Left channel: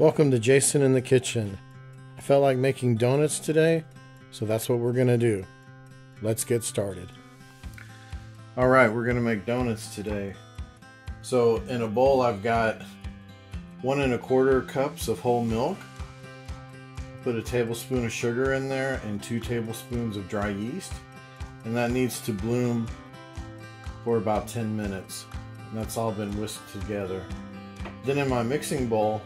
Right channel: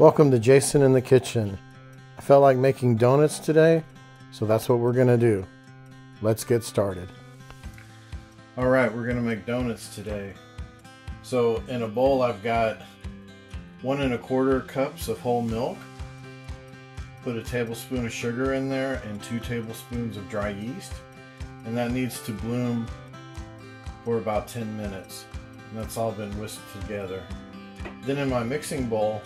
Welcome to Jason in the Kitchen. I felt like making donuts today, so that's what we're gonna do. Let's get started. Alright, we're gonna make donuts today. So in a bowl I've got 1 1/4 cups of whole milk. Put a tablespoon of sugar in there and 2 tablespoons of dry yeast. And that needs to bloom for about 10 minutes. And that's all been whisked together. Then in my mixing bowl,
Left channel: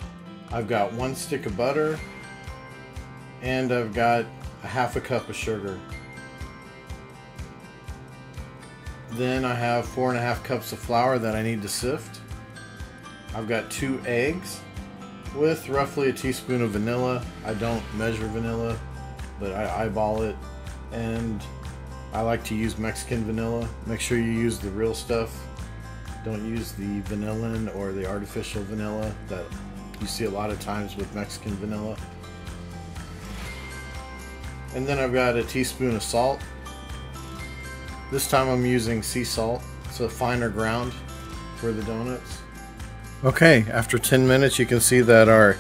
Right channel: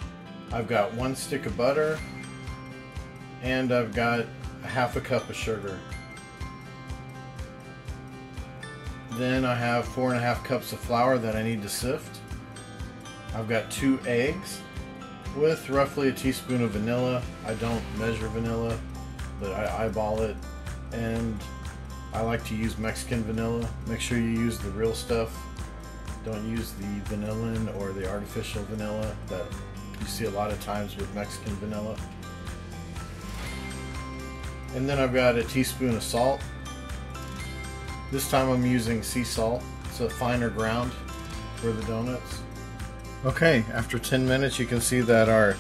I've got 1 stick of butter and I've got 1/2 cup of sugar. Then I have 4 1/2 cups of flour that I need to sift. I've got 2 eggs with roughly a teaspoon of vanilla. I don't measure vanilla, but I eyeball it, and I like to use Mexican vanilla. Make sure you use the real stuff. Don't use the vanillin or the artificial vanilla that you see a lot of times with Mexican vanilla. And then I've got a teaspoon of salt. This time I'm using sea salt. It's a finer ground for the donuts. Okay, after 10 minutes you can see that our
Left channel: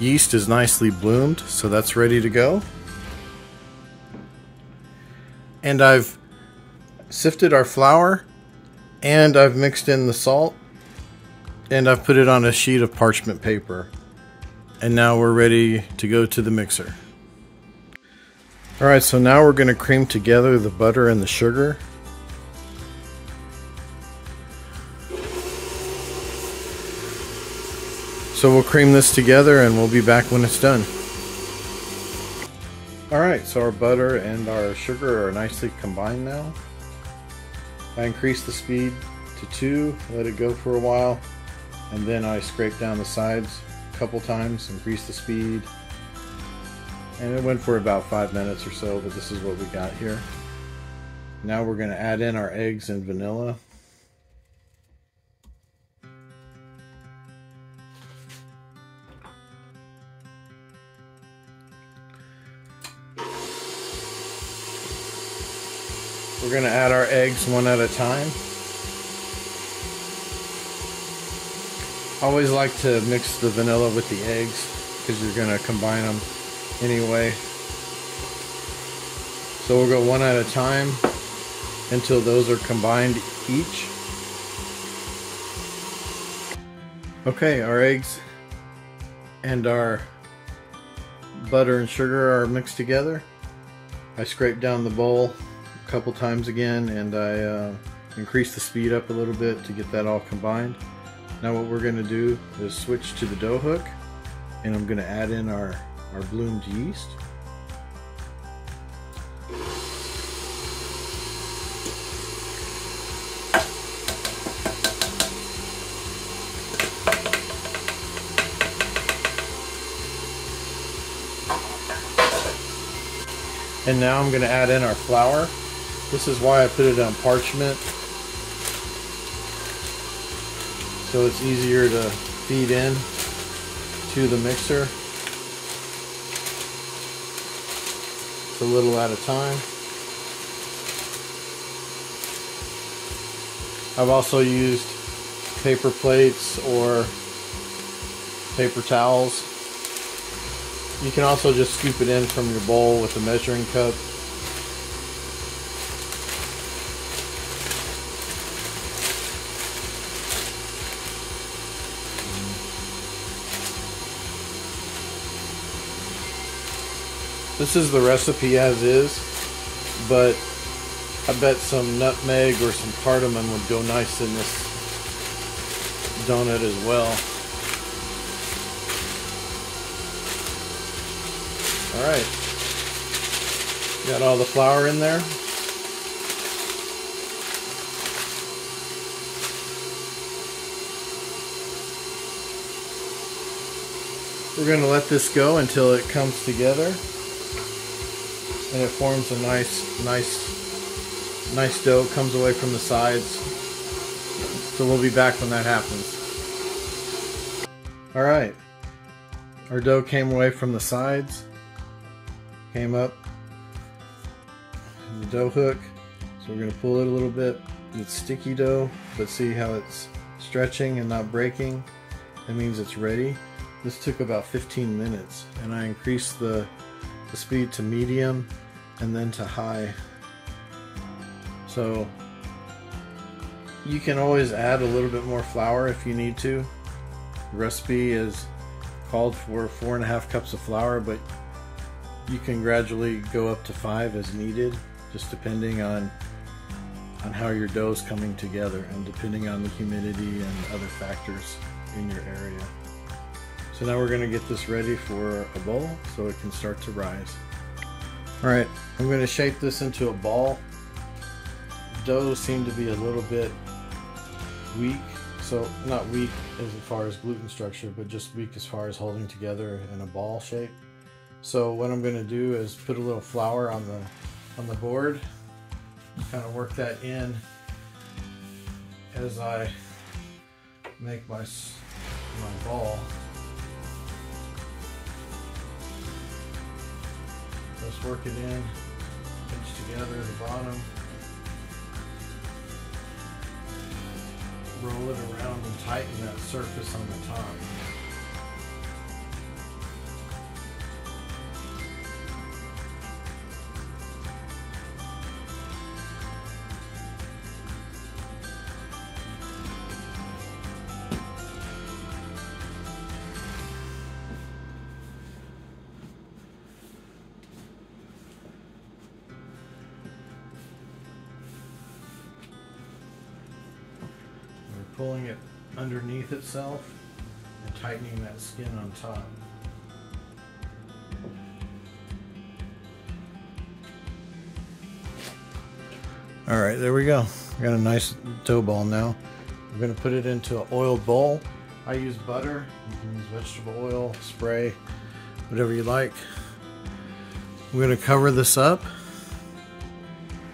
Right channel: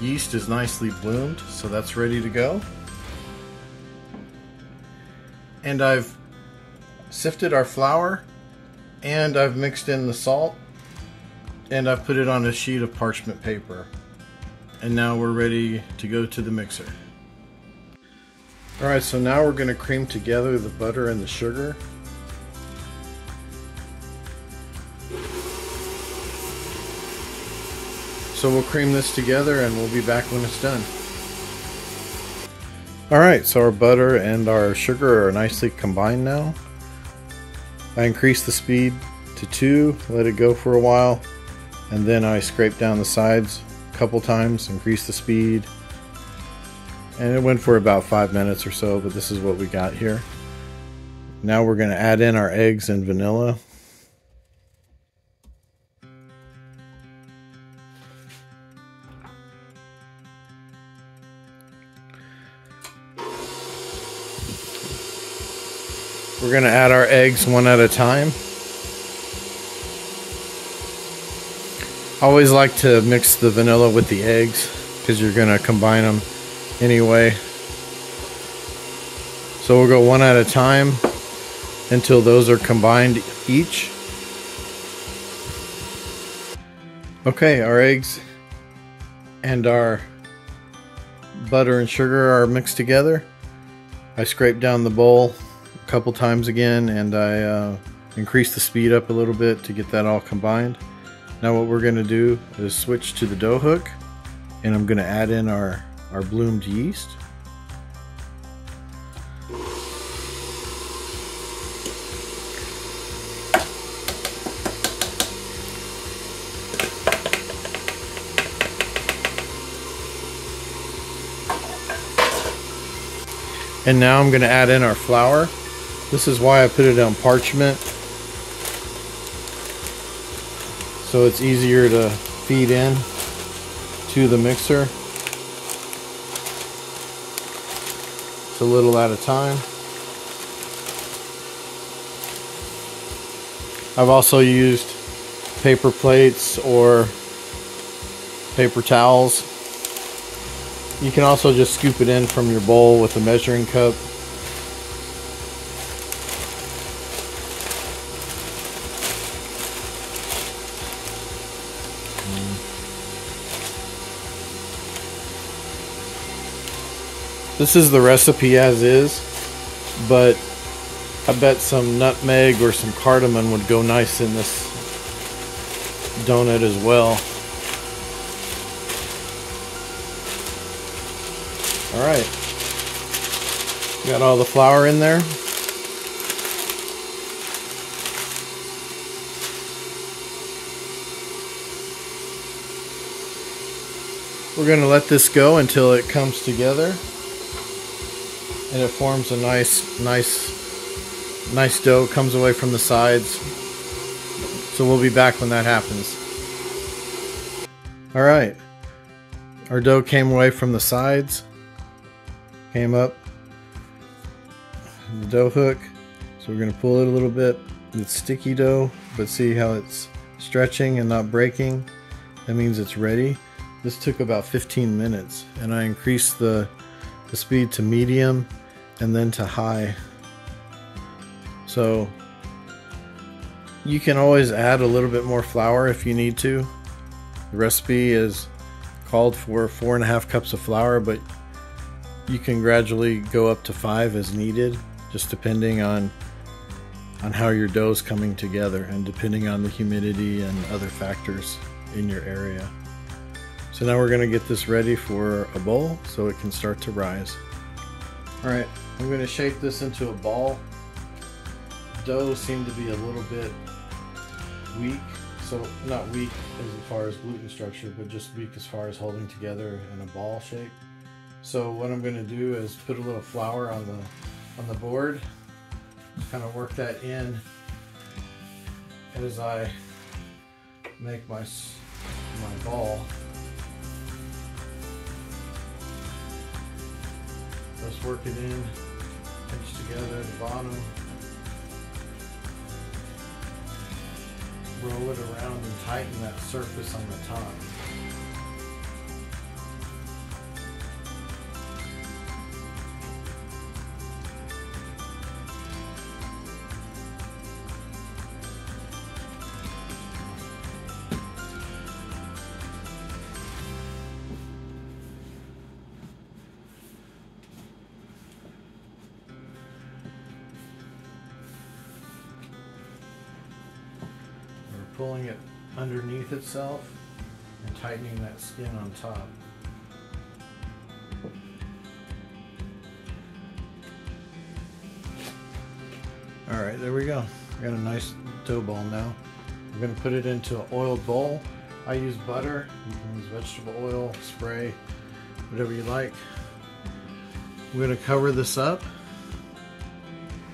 yeast is nicely bloomed, so that's ready to go. And I've sifted our flour, and I've mixed in the salt, and I've put it on a sheet of parchment paper. And now we're ready to go to the mixer. Alright, so now we're going to cream together the butter and the sugar. So we'll cream this together and we'll be back when it's done. Alright, so our butter and our sugar are nicely combined now. I increased the speed to 2, let it go for a while, and then I scraped down the sides a couple times, increased the speed, and it went for about 5 minutes or so, but this is what we got here. Now we're going to add in our eggs and vanilla. We're going to add our eggs one at a time. I always like to mix the vanilla with the eggs because you're going to combine them anyway. So we'll go one at a time until those are combined each. Okay, our eggs and our butter and sugar are mixed together. I scraped down the bowl a couple times again, and I increased the speed up a little bit to get that all combined. Now what we're going to do is switch to the dough hook, and I'm going to add in our bloomed yeast. And now I'm going to add in our flour. This is why I put it on parchment, so it's easier to feed in to the mixer. It's a little at a time. I've also used paper plates or paper towels. You can also just scoop it in from your bowl with a measuring cup. This is the recipe as is, but I bet some nutmeg or some cardamom would go nice in this donut as well. Alright, got all the flour in there. We're going to let this go until it comes together and it forms a nice dough, comes away from the sides. So we'll be back when that happens. Alright, our dough came away from the sides. Came up the dough hook, so we're going to pull it a little bit. It's sticky dough, but see how it's stretching and not breaking? That means it's ready. This took about 15 minutes, and I increased the speed to medium and then to high. So you can always add a little bit more flour if you need to. The recipe is called for 4.5 cups of flour, but you can gradually go up to 5 as needed, just depending on how your dough is coming together and depending on the humidity and other factors in your area. So now we're going to get this ready for a bowl so it can start to rise. Alright, I'm going to shape this into a ball. Dough seemed to be a little bit weak, so not weak as far as gluten structure, but just weak as far as holding together in a ball shape. So what I'm going to do is put a little flour on the board, kind of work that in as I make my ball. Let's work it in, pinch together the bottom, roll it around and tighten that surface on the top. Pulling it underneath itself and tightening that skin on top. All right, there we go. I got a nice dough ball now. I'm going to put it into an oiled bowl. I use butter. You can use vegetable oil, spray, whatever you like. I'm going to cover this up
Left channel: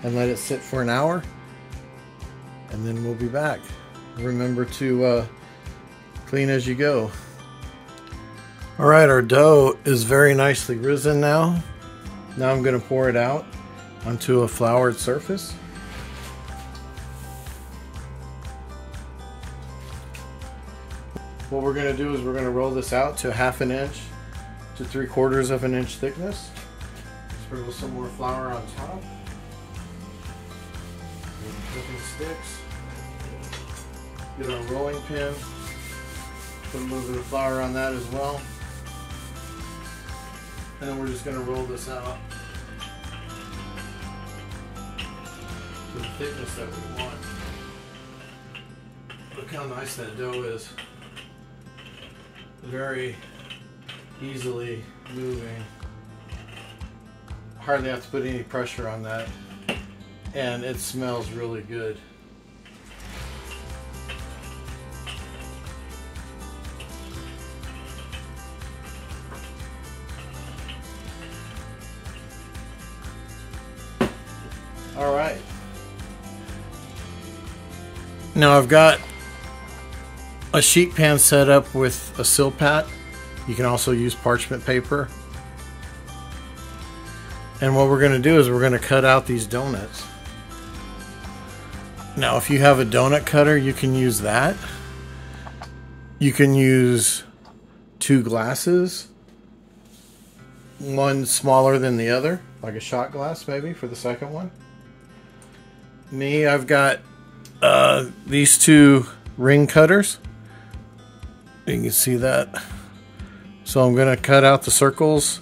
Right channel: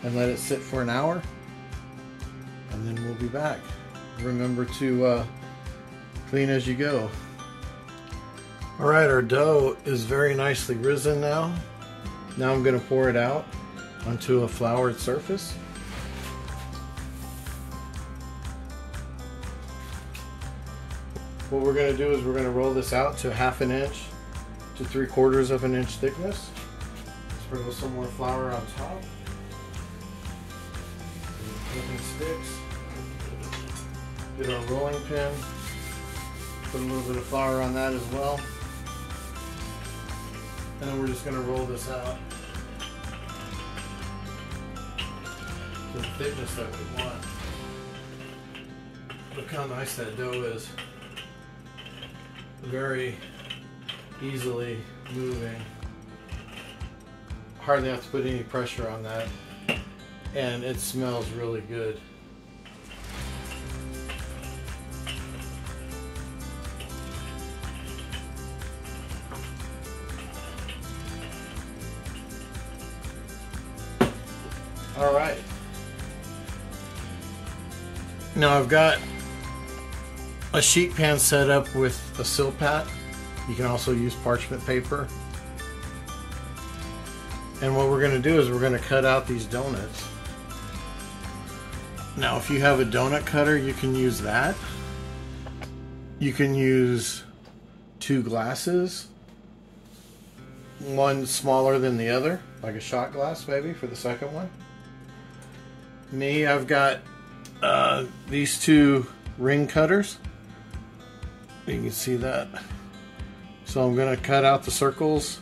and let it sit for an hour, and then we'll be back. Remember to clean as you go. Alright, our dough is very nicely risen now. Now I'm going to pour it out onto a floured surface. What we're going to do is we're going to roll this out to 1/2 inch to 3/4 of an inch thickness. Sprinkle some more flour on top. Nothing sticks. Get our rolling pin, put a little bit of flour on that as well, and then we're just going to roll this out to the thickness that we want. Look how nice that dough is. Very easily moving. Hardly have to put any pressure on that, and it smells really good. All right. Now I've got a sheet pan set up with a silpat. You can also use parchment paper. And what we're going to do is we're going to cut out these donuts. Now if you have a donut cutter, you can use that. You can use 2 glasses, one smaller than the other, like a shot glass maybe for the second one. Me, I've got these 2 ring cutters. You can see that. So I'm going to cut out the circles,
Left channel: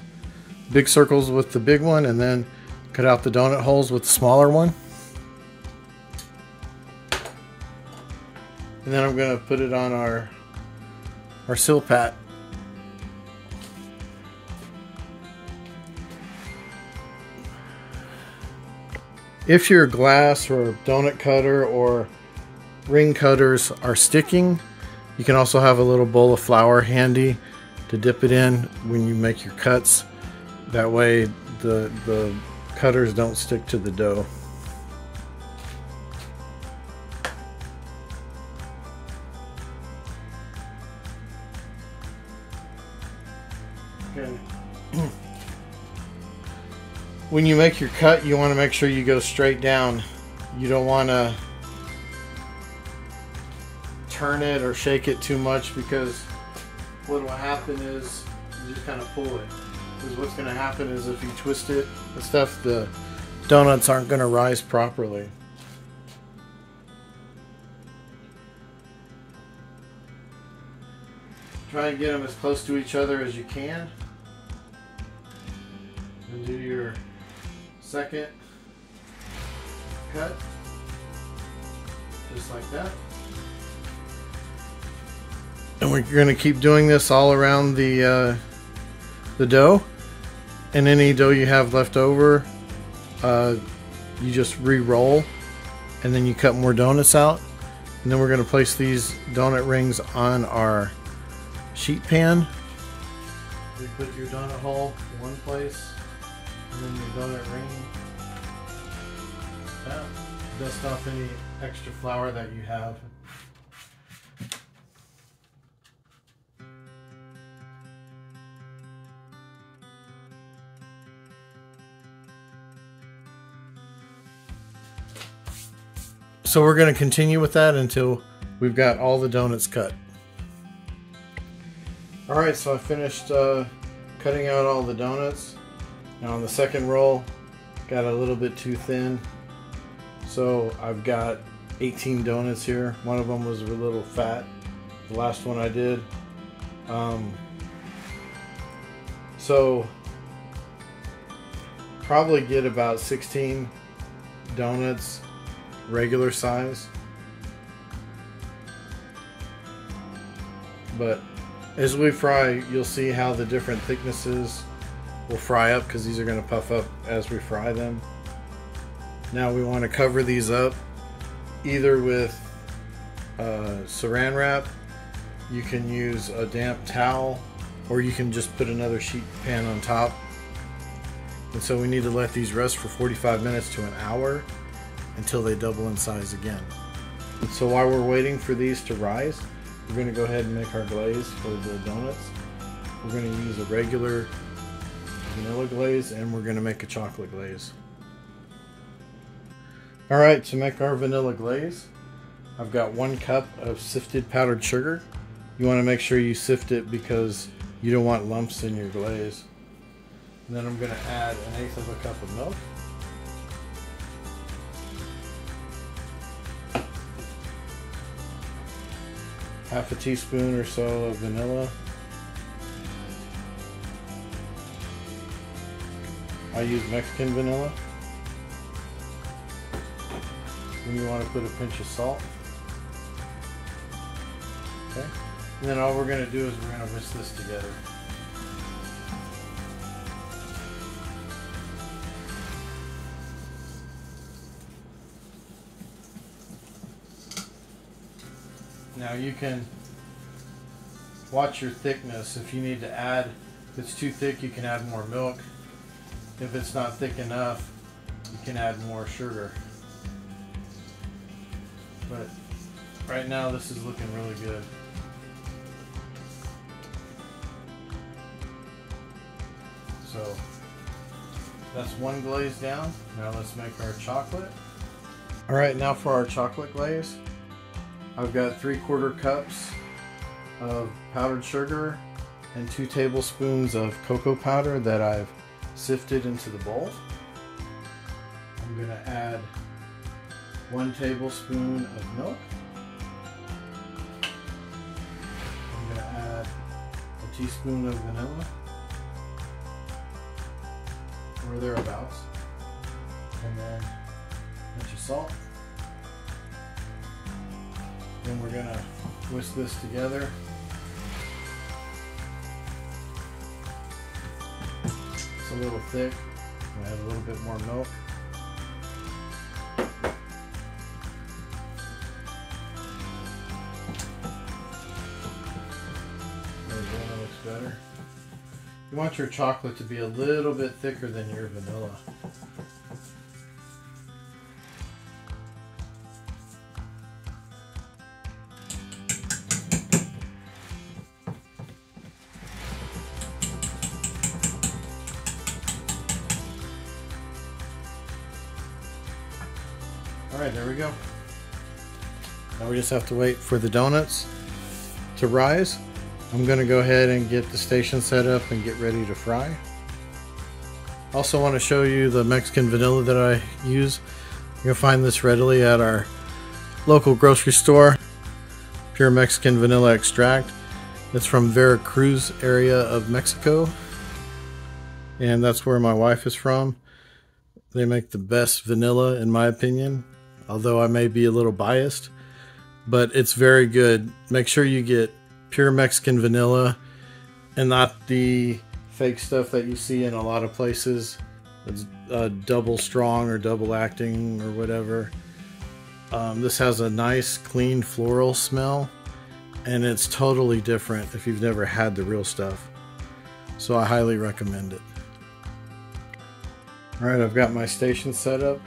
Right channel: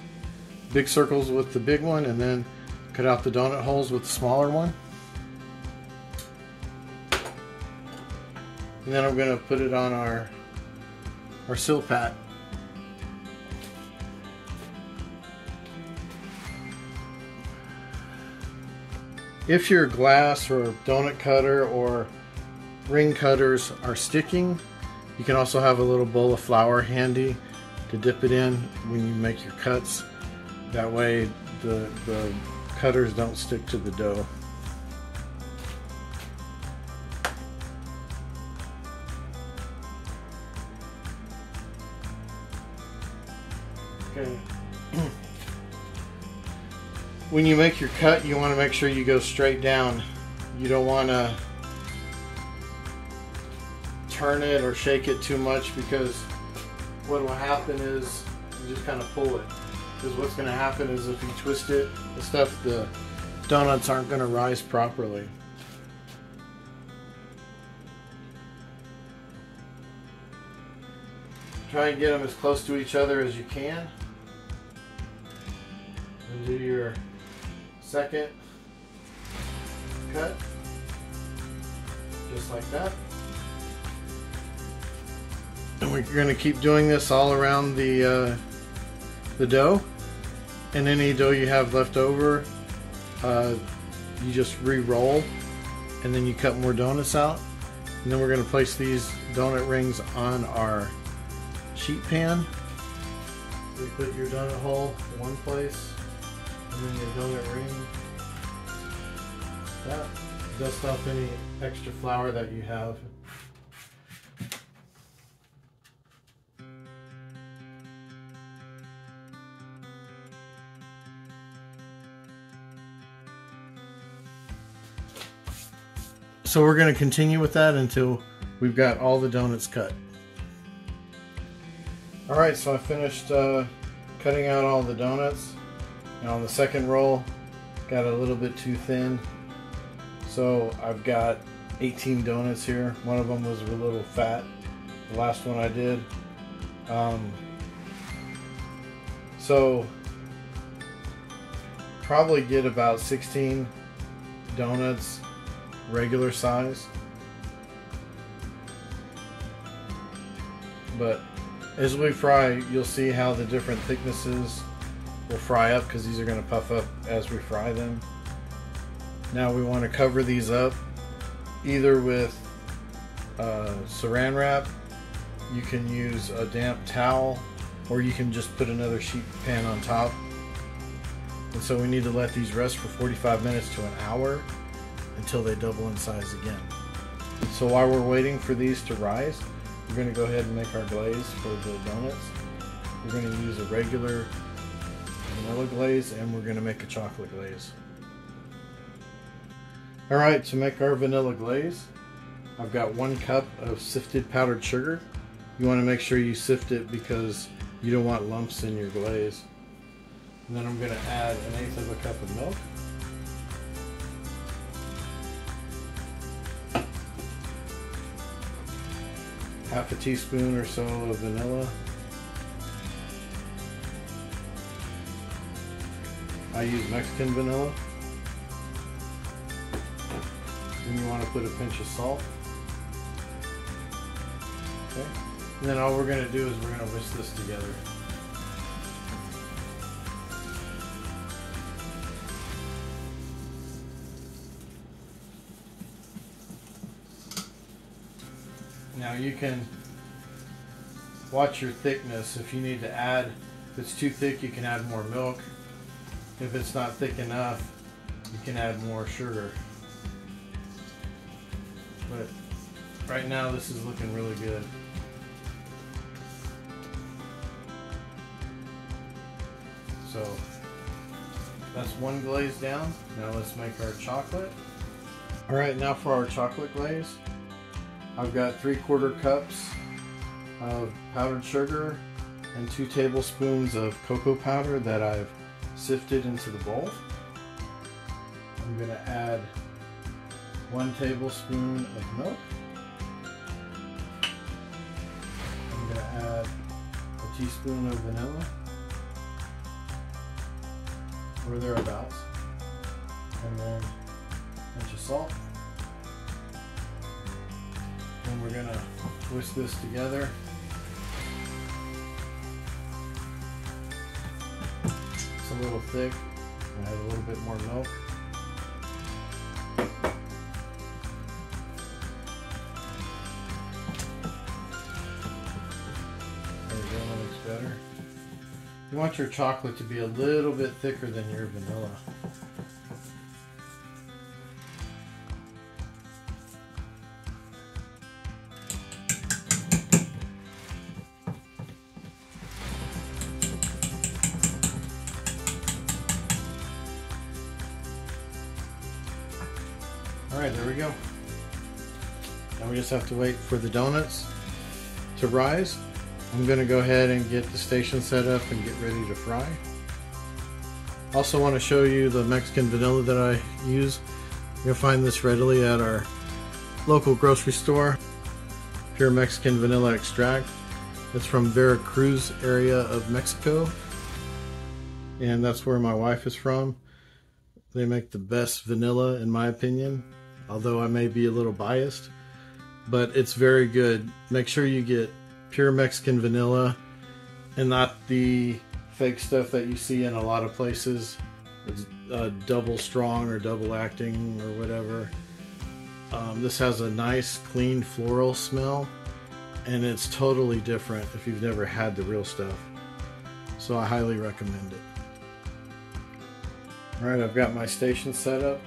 big circles with the big one, and then cut out the donut holes with the smaller one. And then I'm going to put it on our silpat. If your glass or donut cutter or ring cutters are sticking, you can also have a little bowl of flour handy to dip it in when you make your cuts. That way the cutters don't stick to the dough. Okay. When you make your cut, you want to make sure you go straight down. You don't want to turn it or shake it too much, because what will happen is you just kind of pull it. Because what's going to happen is if you twist it and stuff, the donuts aren't going to rise properly. Try and get them as close to each other as you can. And do your second cut. Just like that. And we're going to keep doing this all around the dough. And any dough you have left over, you just re-roll, and then you cut more donuts out. And then we're going to place these donut rings on our sheet pan. So you put your donut hole in one place, and then your donut ring. Yeah. Dust off any extra flour that you have. So we're going to continue with that until we've got all the donuts cut. Alright, so I finished cutting out all the donuts. Now on the second roll, got a little bit too thin. So I've got 18 donuts here. One of them was a little fat, the last one I did. So probably get about 16 donuts regular size, but as we fry, you'll see how the different thicknesses will fry up, because these are going to puff up as we fry them. Now we want to cover these up either with saran wrap, you can use a damp towel, or you can just put another sheet pan on top. And so we need to let these rest for 45 minutes to an hour until they double in size again. So while we're waiting for these to rise, we're going to go ahead and make our glaze for the donuts. We're going to use a regular vanilla glaze, and we're going to make a chocolate glaze. Alright, to make our vanilla glaze, I've got 1 cup of sifted powdered sugar. You want to make sure you sift it because you don't want lumps in your glaze. And then I'm going to add 1/8 of a cup of milk. Half a teaspoon or so of vanilla. I use Mexican vanilla. And you want to put a pinch of salt. Okay. And then all we're going to do is we're going to whisk this together. Now you can watch your thickness. If you need to add, if it's too thick, you can add more milk. If it's not thick enough, you can add more sugar. But right now this is looking really good. So that's one glaze down. Now let's make our chocolate. Alright, now for our chocolate glaze. I've got 3/4 cups of powdered sugar and 2 tablespoons of cocoa powder that I've sifted into the bowl. I'm going to add 1 tablespoon of milk. I'm going to add a teaspoon of vanilla, or thereabouts, and then a pinch of salt. Then we're going to whisk this together. It's a little thick. We'll add a little bit more milk. There we go, that looks better. You want your chocolate to be a little bit thicker than your vanilla. Alright, there we go. Now we just have to wait for the donuts to rise, I'm going to go ahead and get the station set up and get ready to fry. Also want to show you the Mexican vanilla that I use. You'll find this readily at our local grocery store. Pure Mexican vanilla extract. It's from Veracruz area of Mexico. And that's where my wife is from. They make the best vanilla in my opinion. Although I may be a little biased. But it's very good. Make sure you get pure Mexican vanilla and not the fake stuff that you see in a lot of places. It's double strong or double acting or whatever. This has a nice clean floral smell and it's totally different if you've never had the real stuff. So I highly recommend it. Alright, I've got my station set up,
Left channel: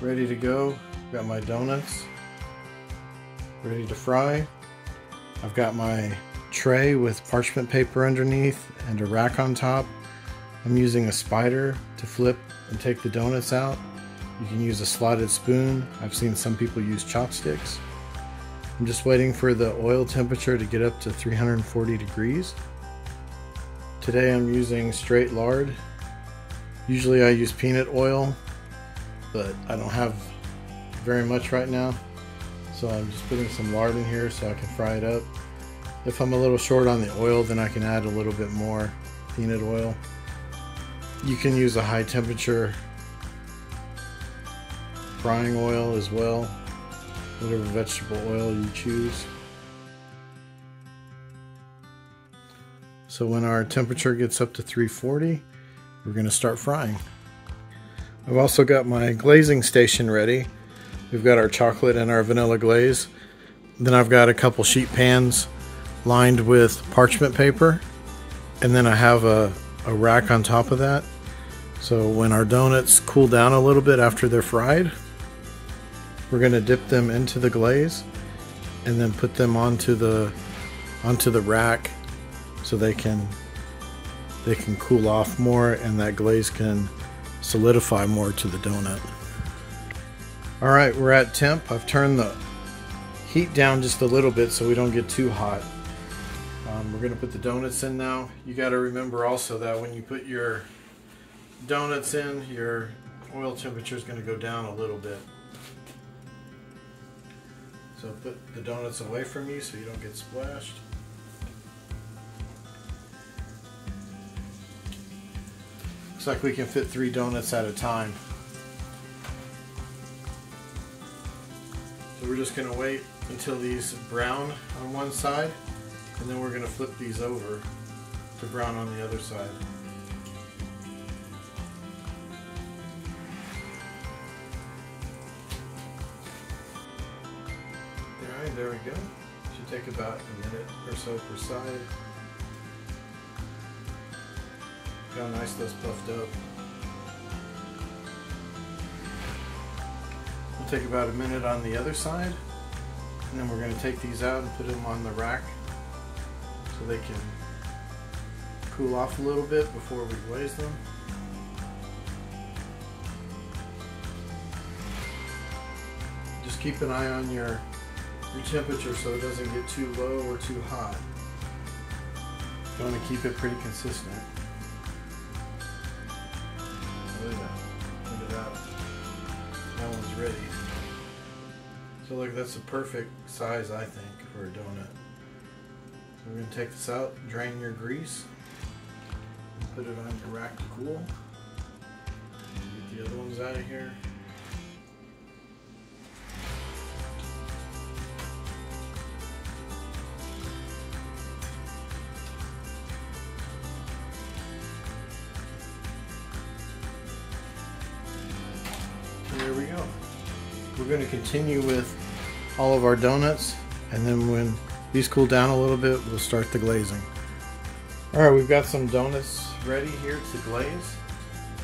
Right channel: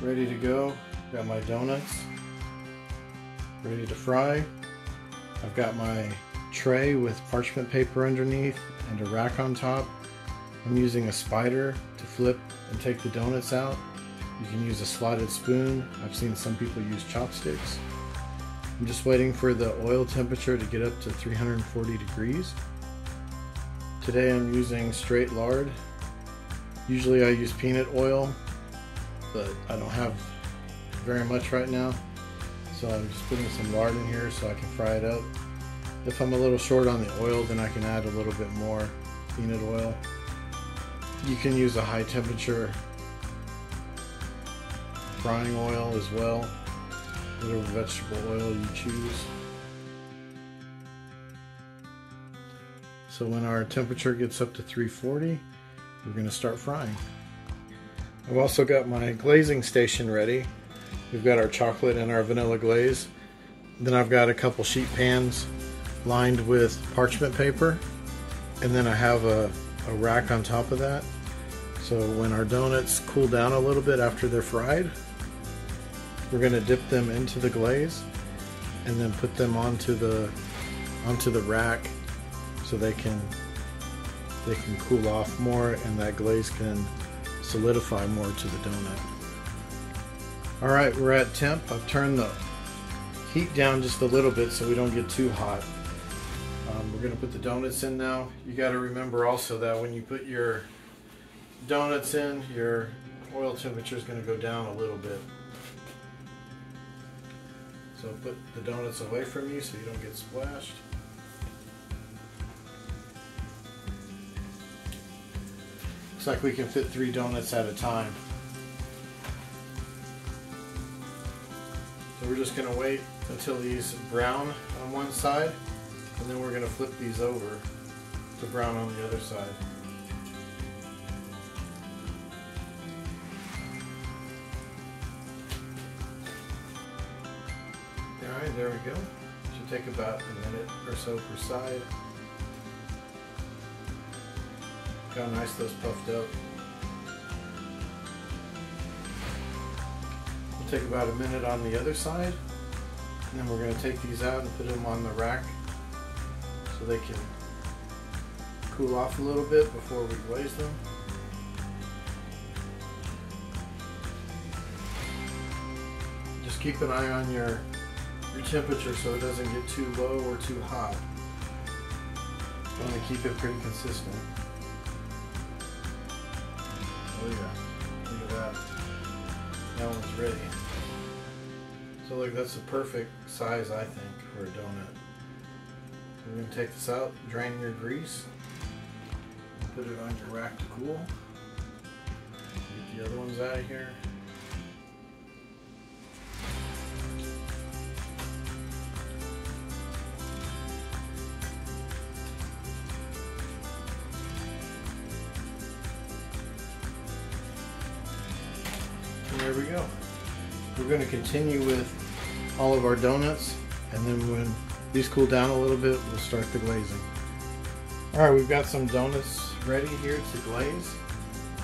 ready to go. Got my donuts ready to fry. I've got my tray with parchment paper underneath and a rack on top. I'm using a spider to flip and take the donuts out. You can use a slotted spoon. I've seen some people use chopsticks. I'm just waiting for the oil temperature to get up to 340 degrees. Today I'm using straight lard. Usually I use peanut oil, but I don't have very much right now. So I'm just putting some lard in here so I can fry it up. If I'm a little short on the oil, then I can add a little bit more peanut oil. You can use a high temperature frying oil as well, whatever vegetable oil you choose. So when our temperature gets up to 340, we're going to start frying. I've also got my glazing station ready. We've got our chocolate and our vanilla glaze. Then I've got a couple sheet pans lined with parchment paper. And then I have a rack on top of that. So when our donuts cool down a little bit after they're fried, we're going to dip them into the glaze and then put them onto the rack so they can cool off more and that glaze can solidify more to the donut. Alright, we're at temp. I've turned the heat down just a little bit so we don't get too hot. We're going to put the donuts in now. You got to remember also that when you put your donuts in, your oil temperature is going to go down a little bit. So put the donuts away from you so you don't get splashed. Looks like we can fit 3 donuts at a time. So we're just going to wait until these brown on one side, and then we're going to flip these over to brown on the other side. Alright, there we go. Should take about a minute or so per side. Look how nice those puffed up. We'll take about a minute on the other side, and then we're going to take these out and put them on the rack so they can cool off a little bit before we glaze them. Just keep an eye on your temperature so it doesn't get too low or too hot. You want to keep it pretty consistent. Oh yeah, look at that. That one's ready. So like that's the perfect size I think for a donut. So we're going to take this out, drain your grease, and put it on your rack to cool. Get the other ones out of here. And there we go. We're going to continue with all of our donuts, and then when these cool down a little bit, we'll start the glazing. Alright, we've got some donuts ready here to glaze.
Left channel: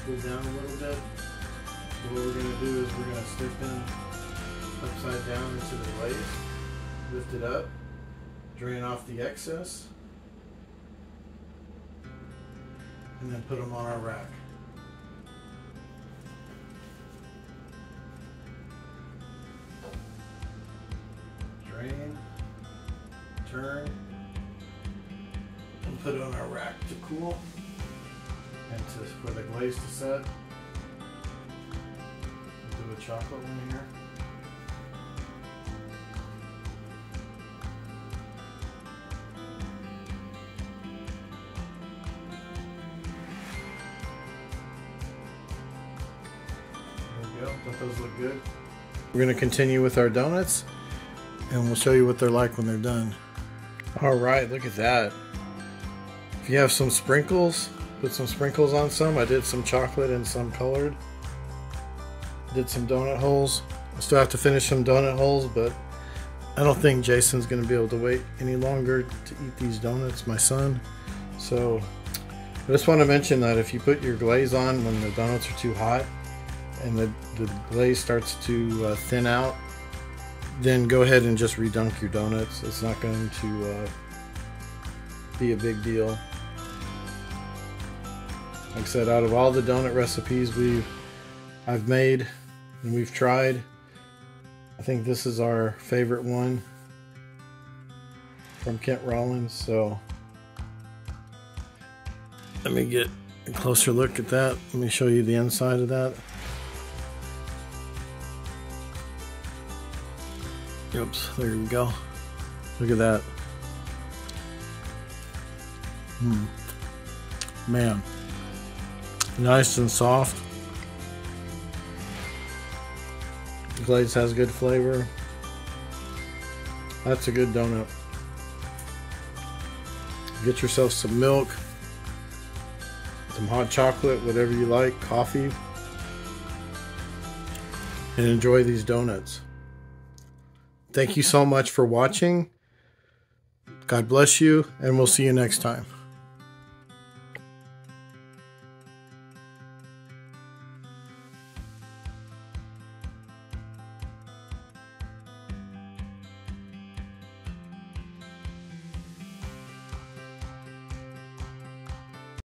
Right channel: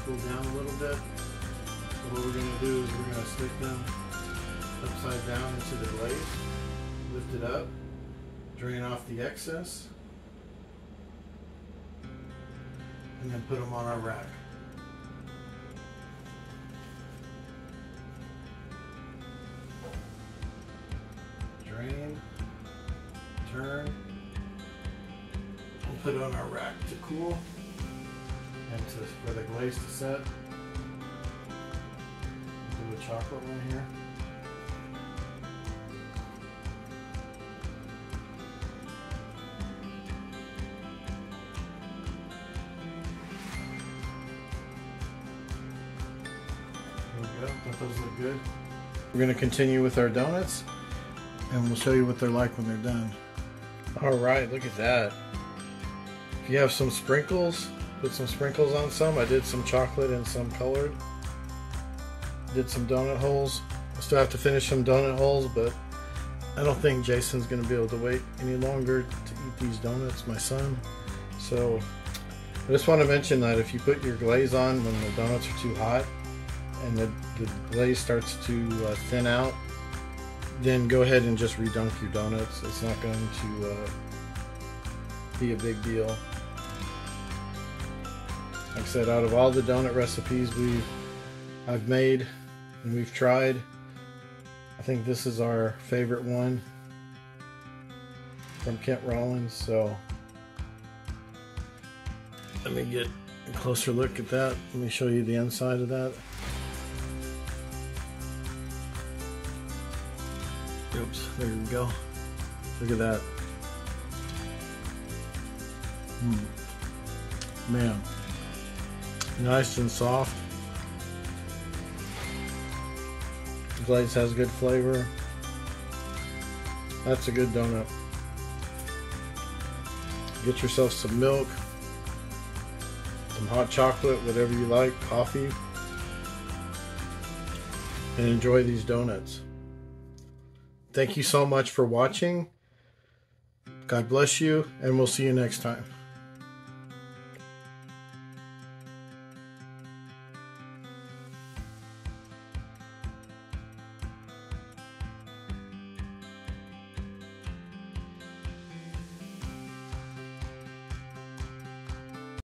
Cool down a little bit. So what we're going to do is we're going to slip them upside down into the glaze, lift it up, drain off the excess, and then put them on our rack. Drain, turn, cool and for the glaze to set. Do a chocolate one here. There we go. Don't those look good? We're going to continue with our donuts, and we'll show you what they're like when they're done. All right, look at that. If you have some sprinkles, put some sprinkles on some. I did some chocolate and some colored. Did some donut holes. I still have to finish some donut holes, but I don't think Jason's going to be able to wait any longer to eat these donuts, my son. So I just want to mention that if you put your glaze on when the donuts are too hot and the glaze starts to thin out, then go ahead and just redunk your donuts. It's not going to be a big deal. Like I said, out of all the donut recipes I've made and we've tried, I think this is our favorite one from Kent Rollins. So let me get a closer look at that. Let me show you the inside of that. Oops, there we go. Look at that. Man, nice and soft. The glaze has good flavor. That's a good donut. Get yourself some milk, some hot chocolate, whatever you like, coffee, and enjoy these donuts. Thank you so much for watching. God bless you, and we'll see you next time.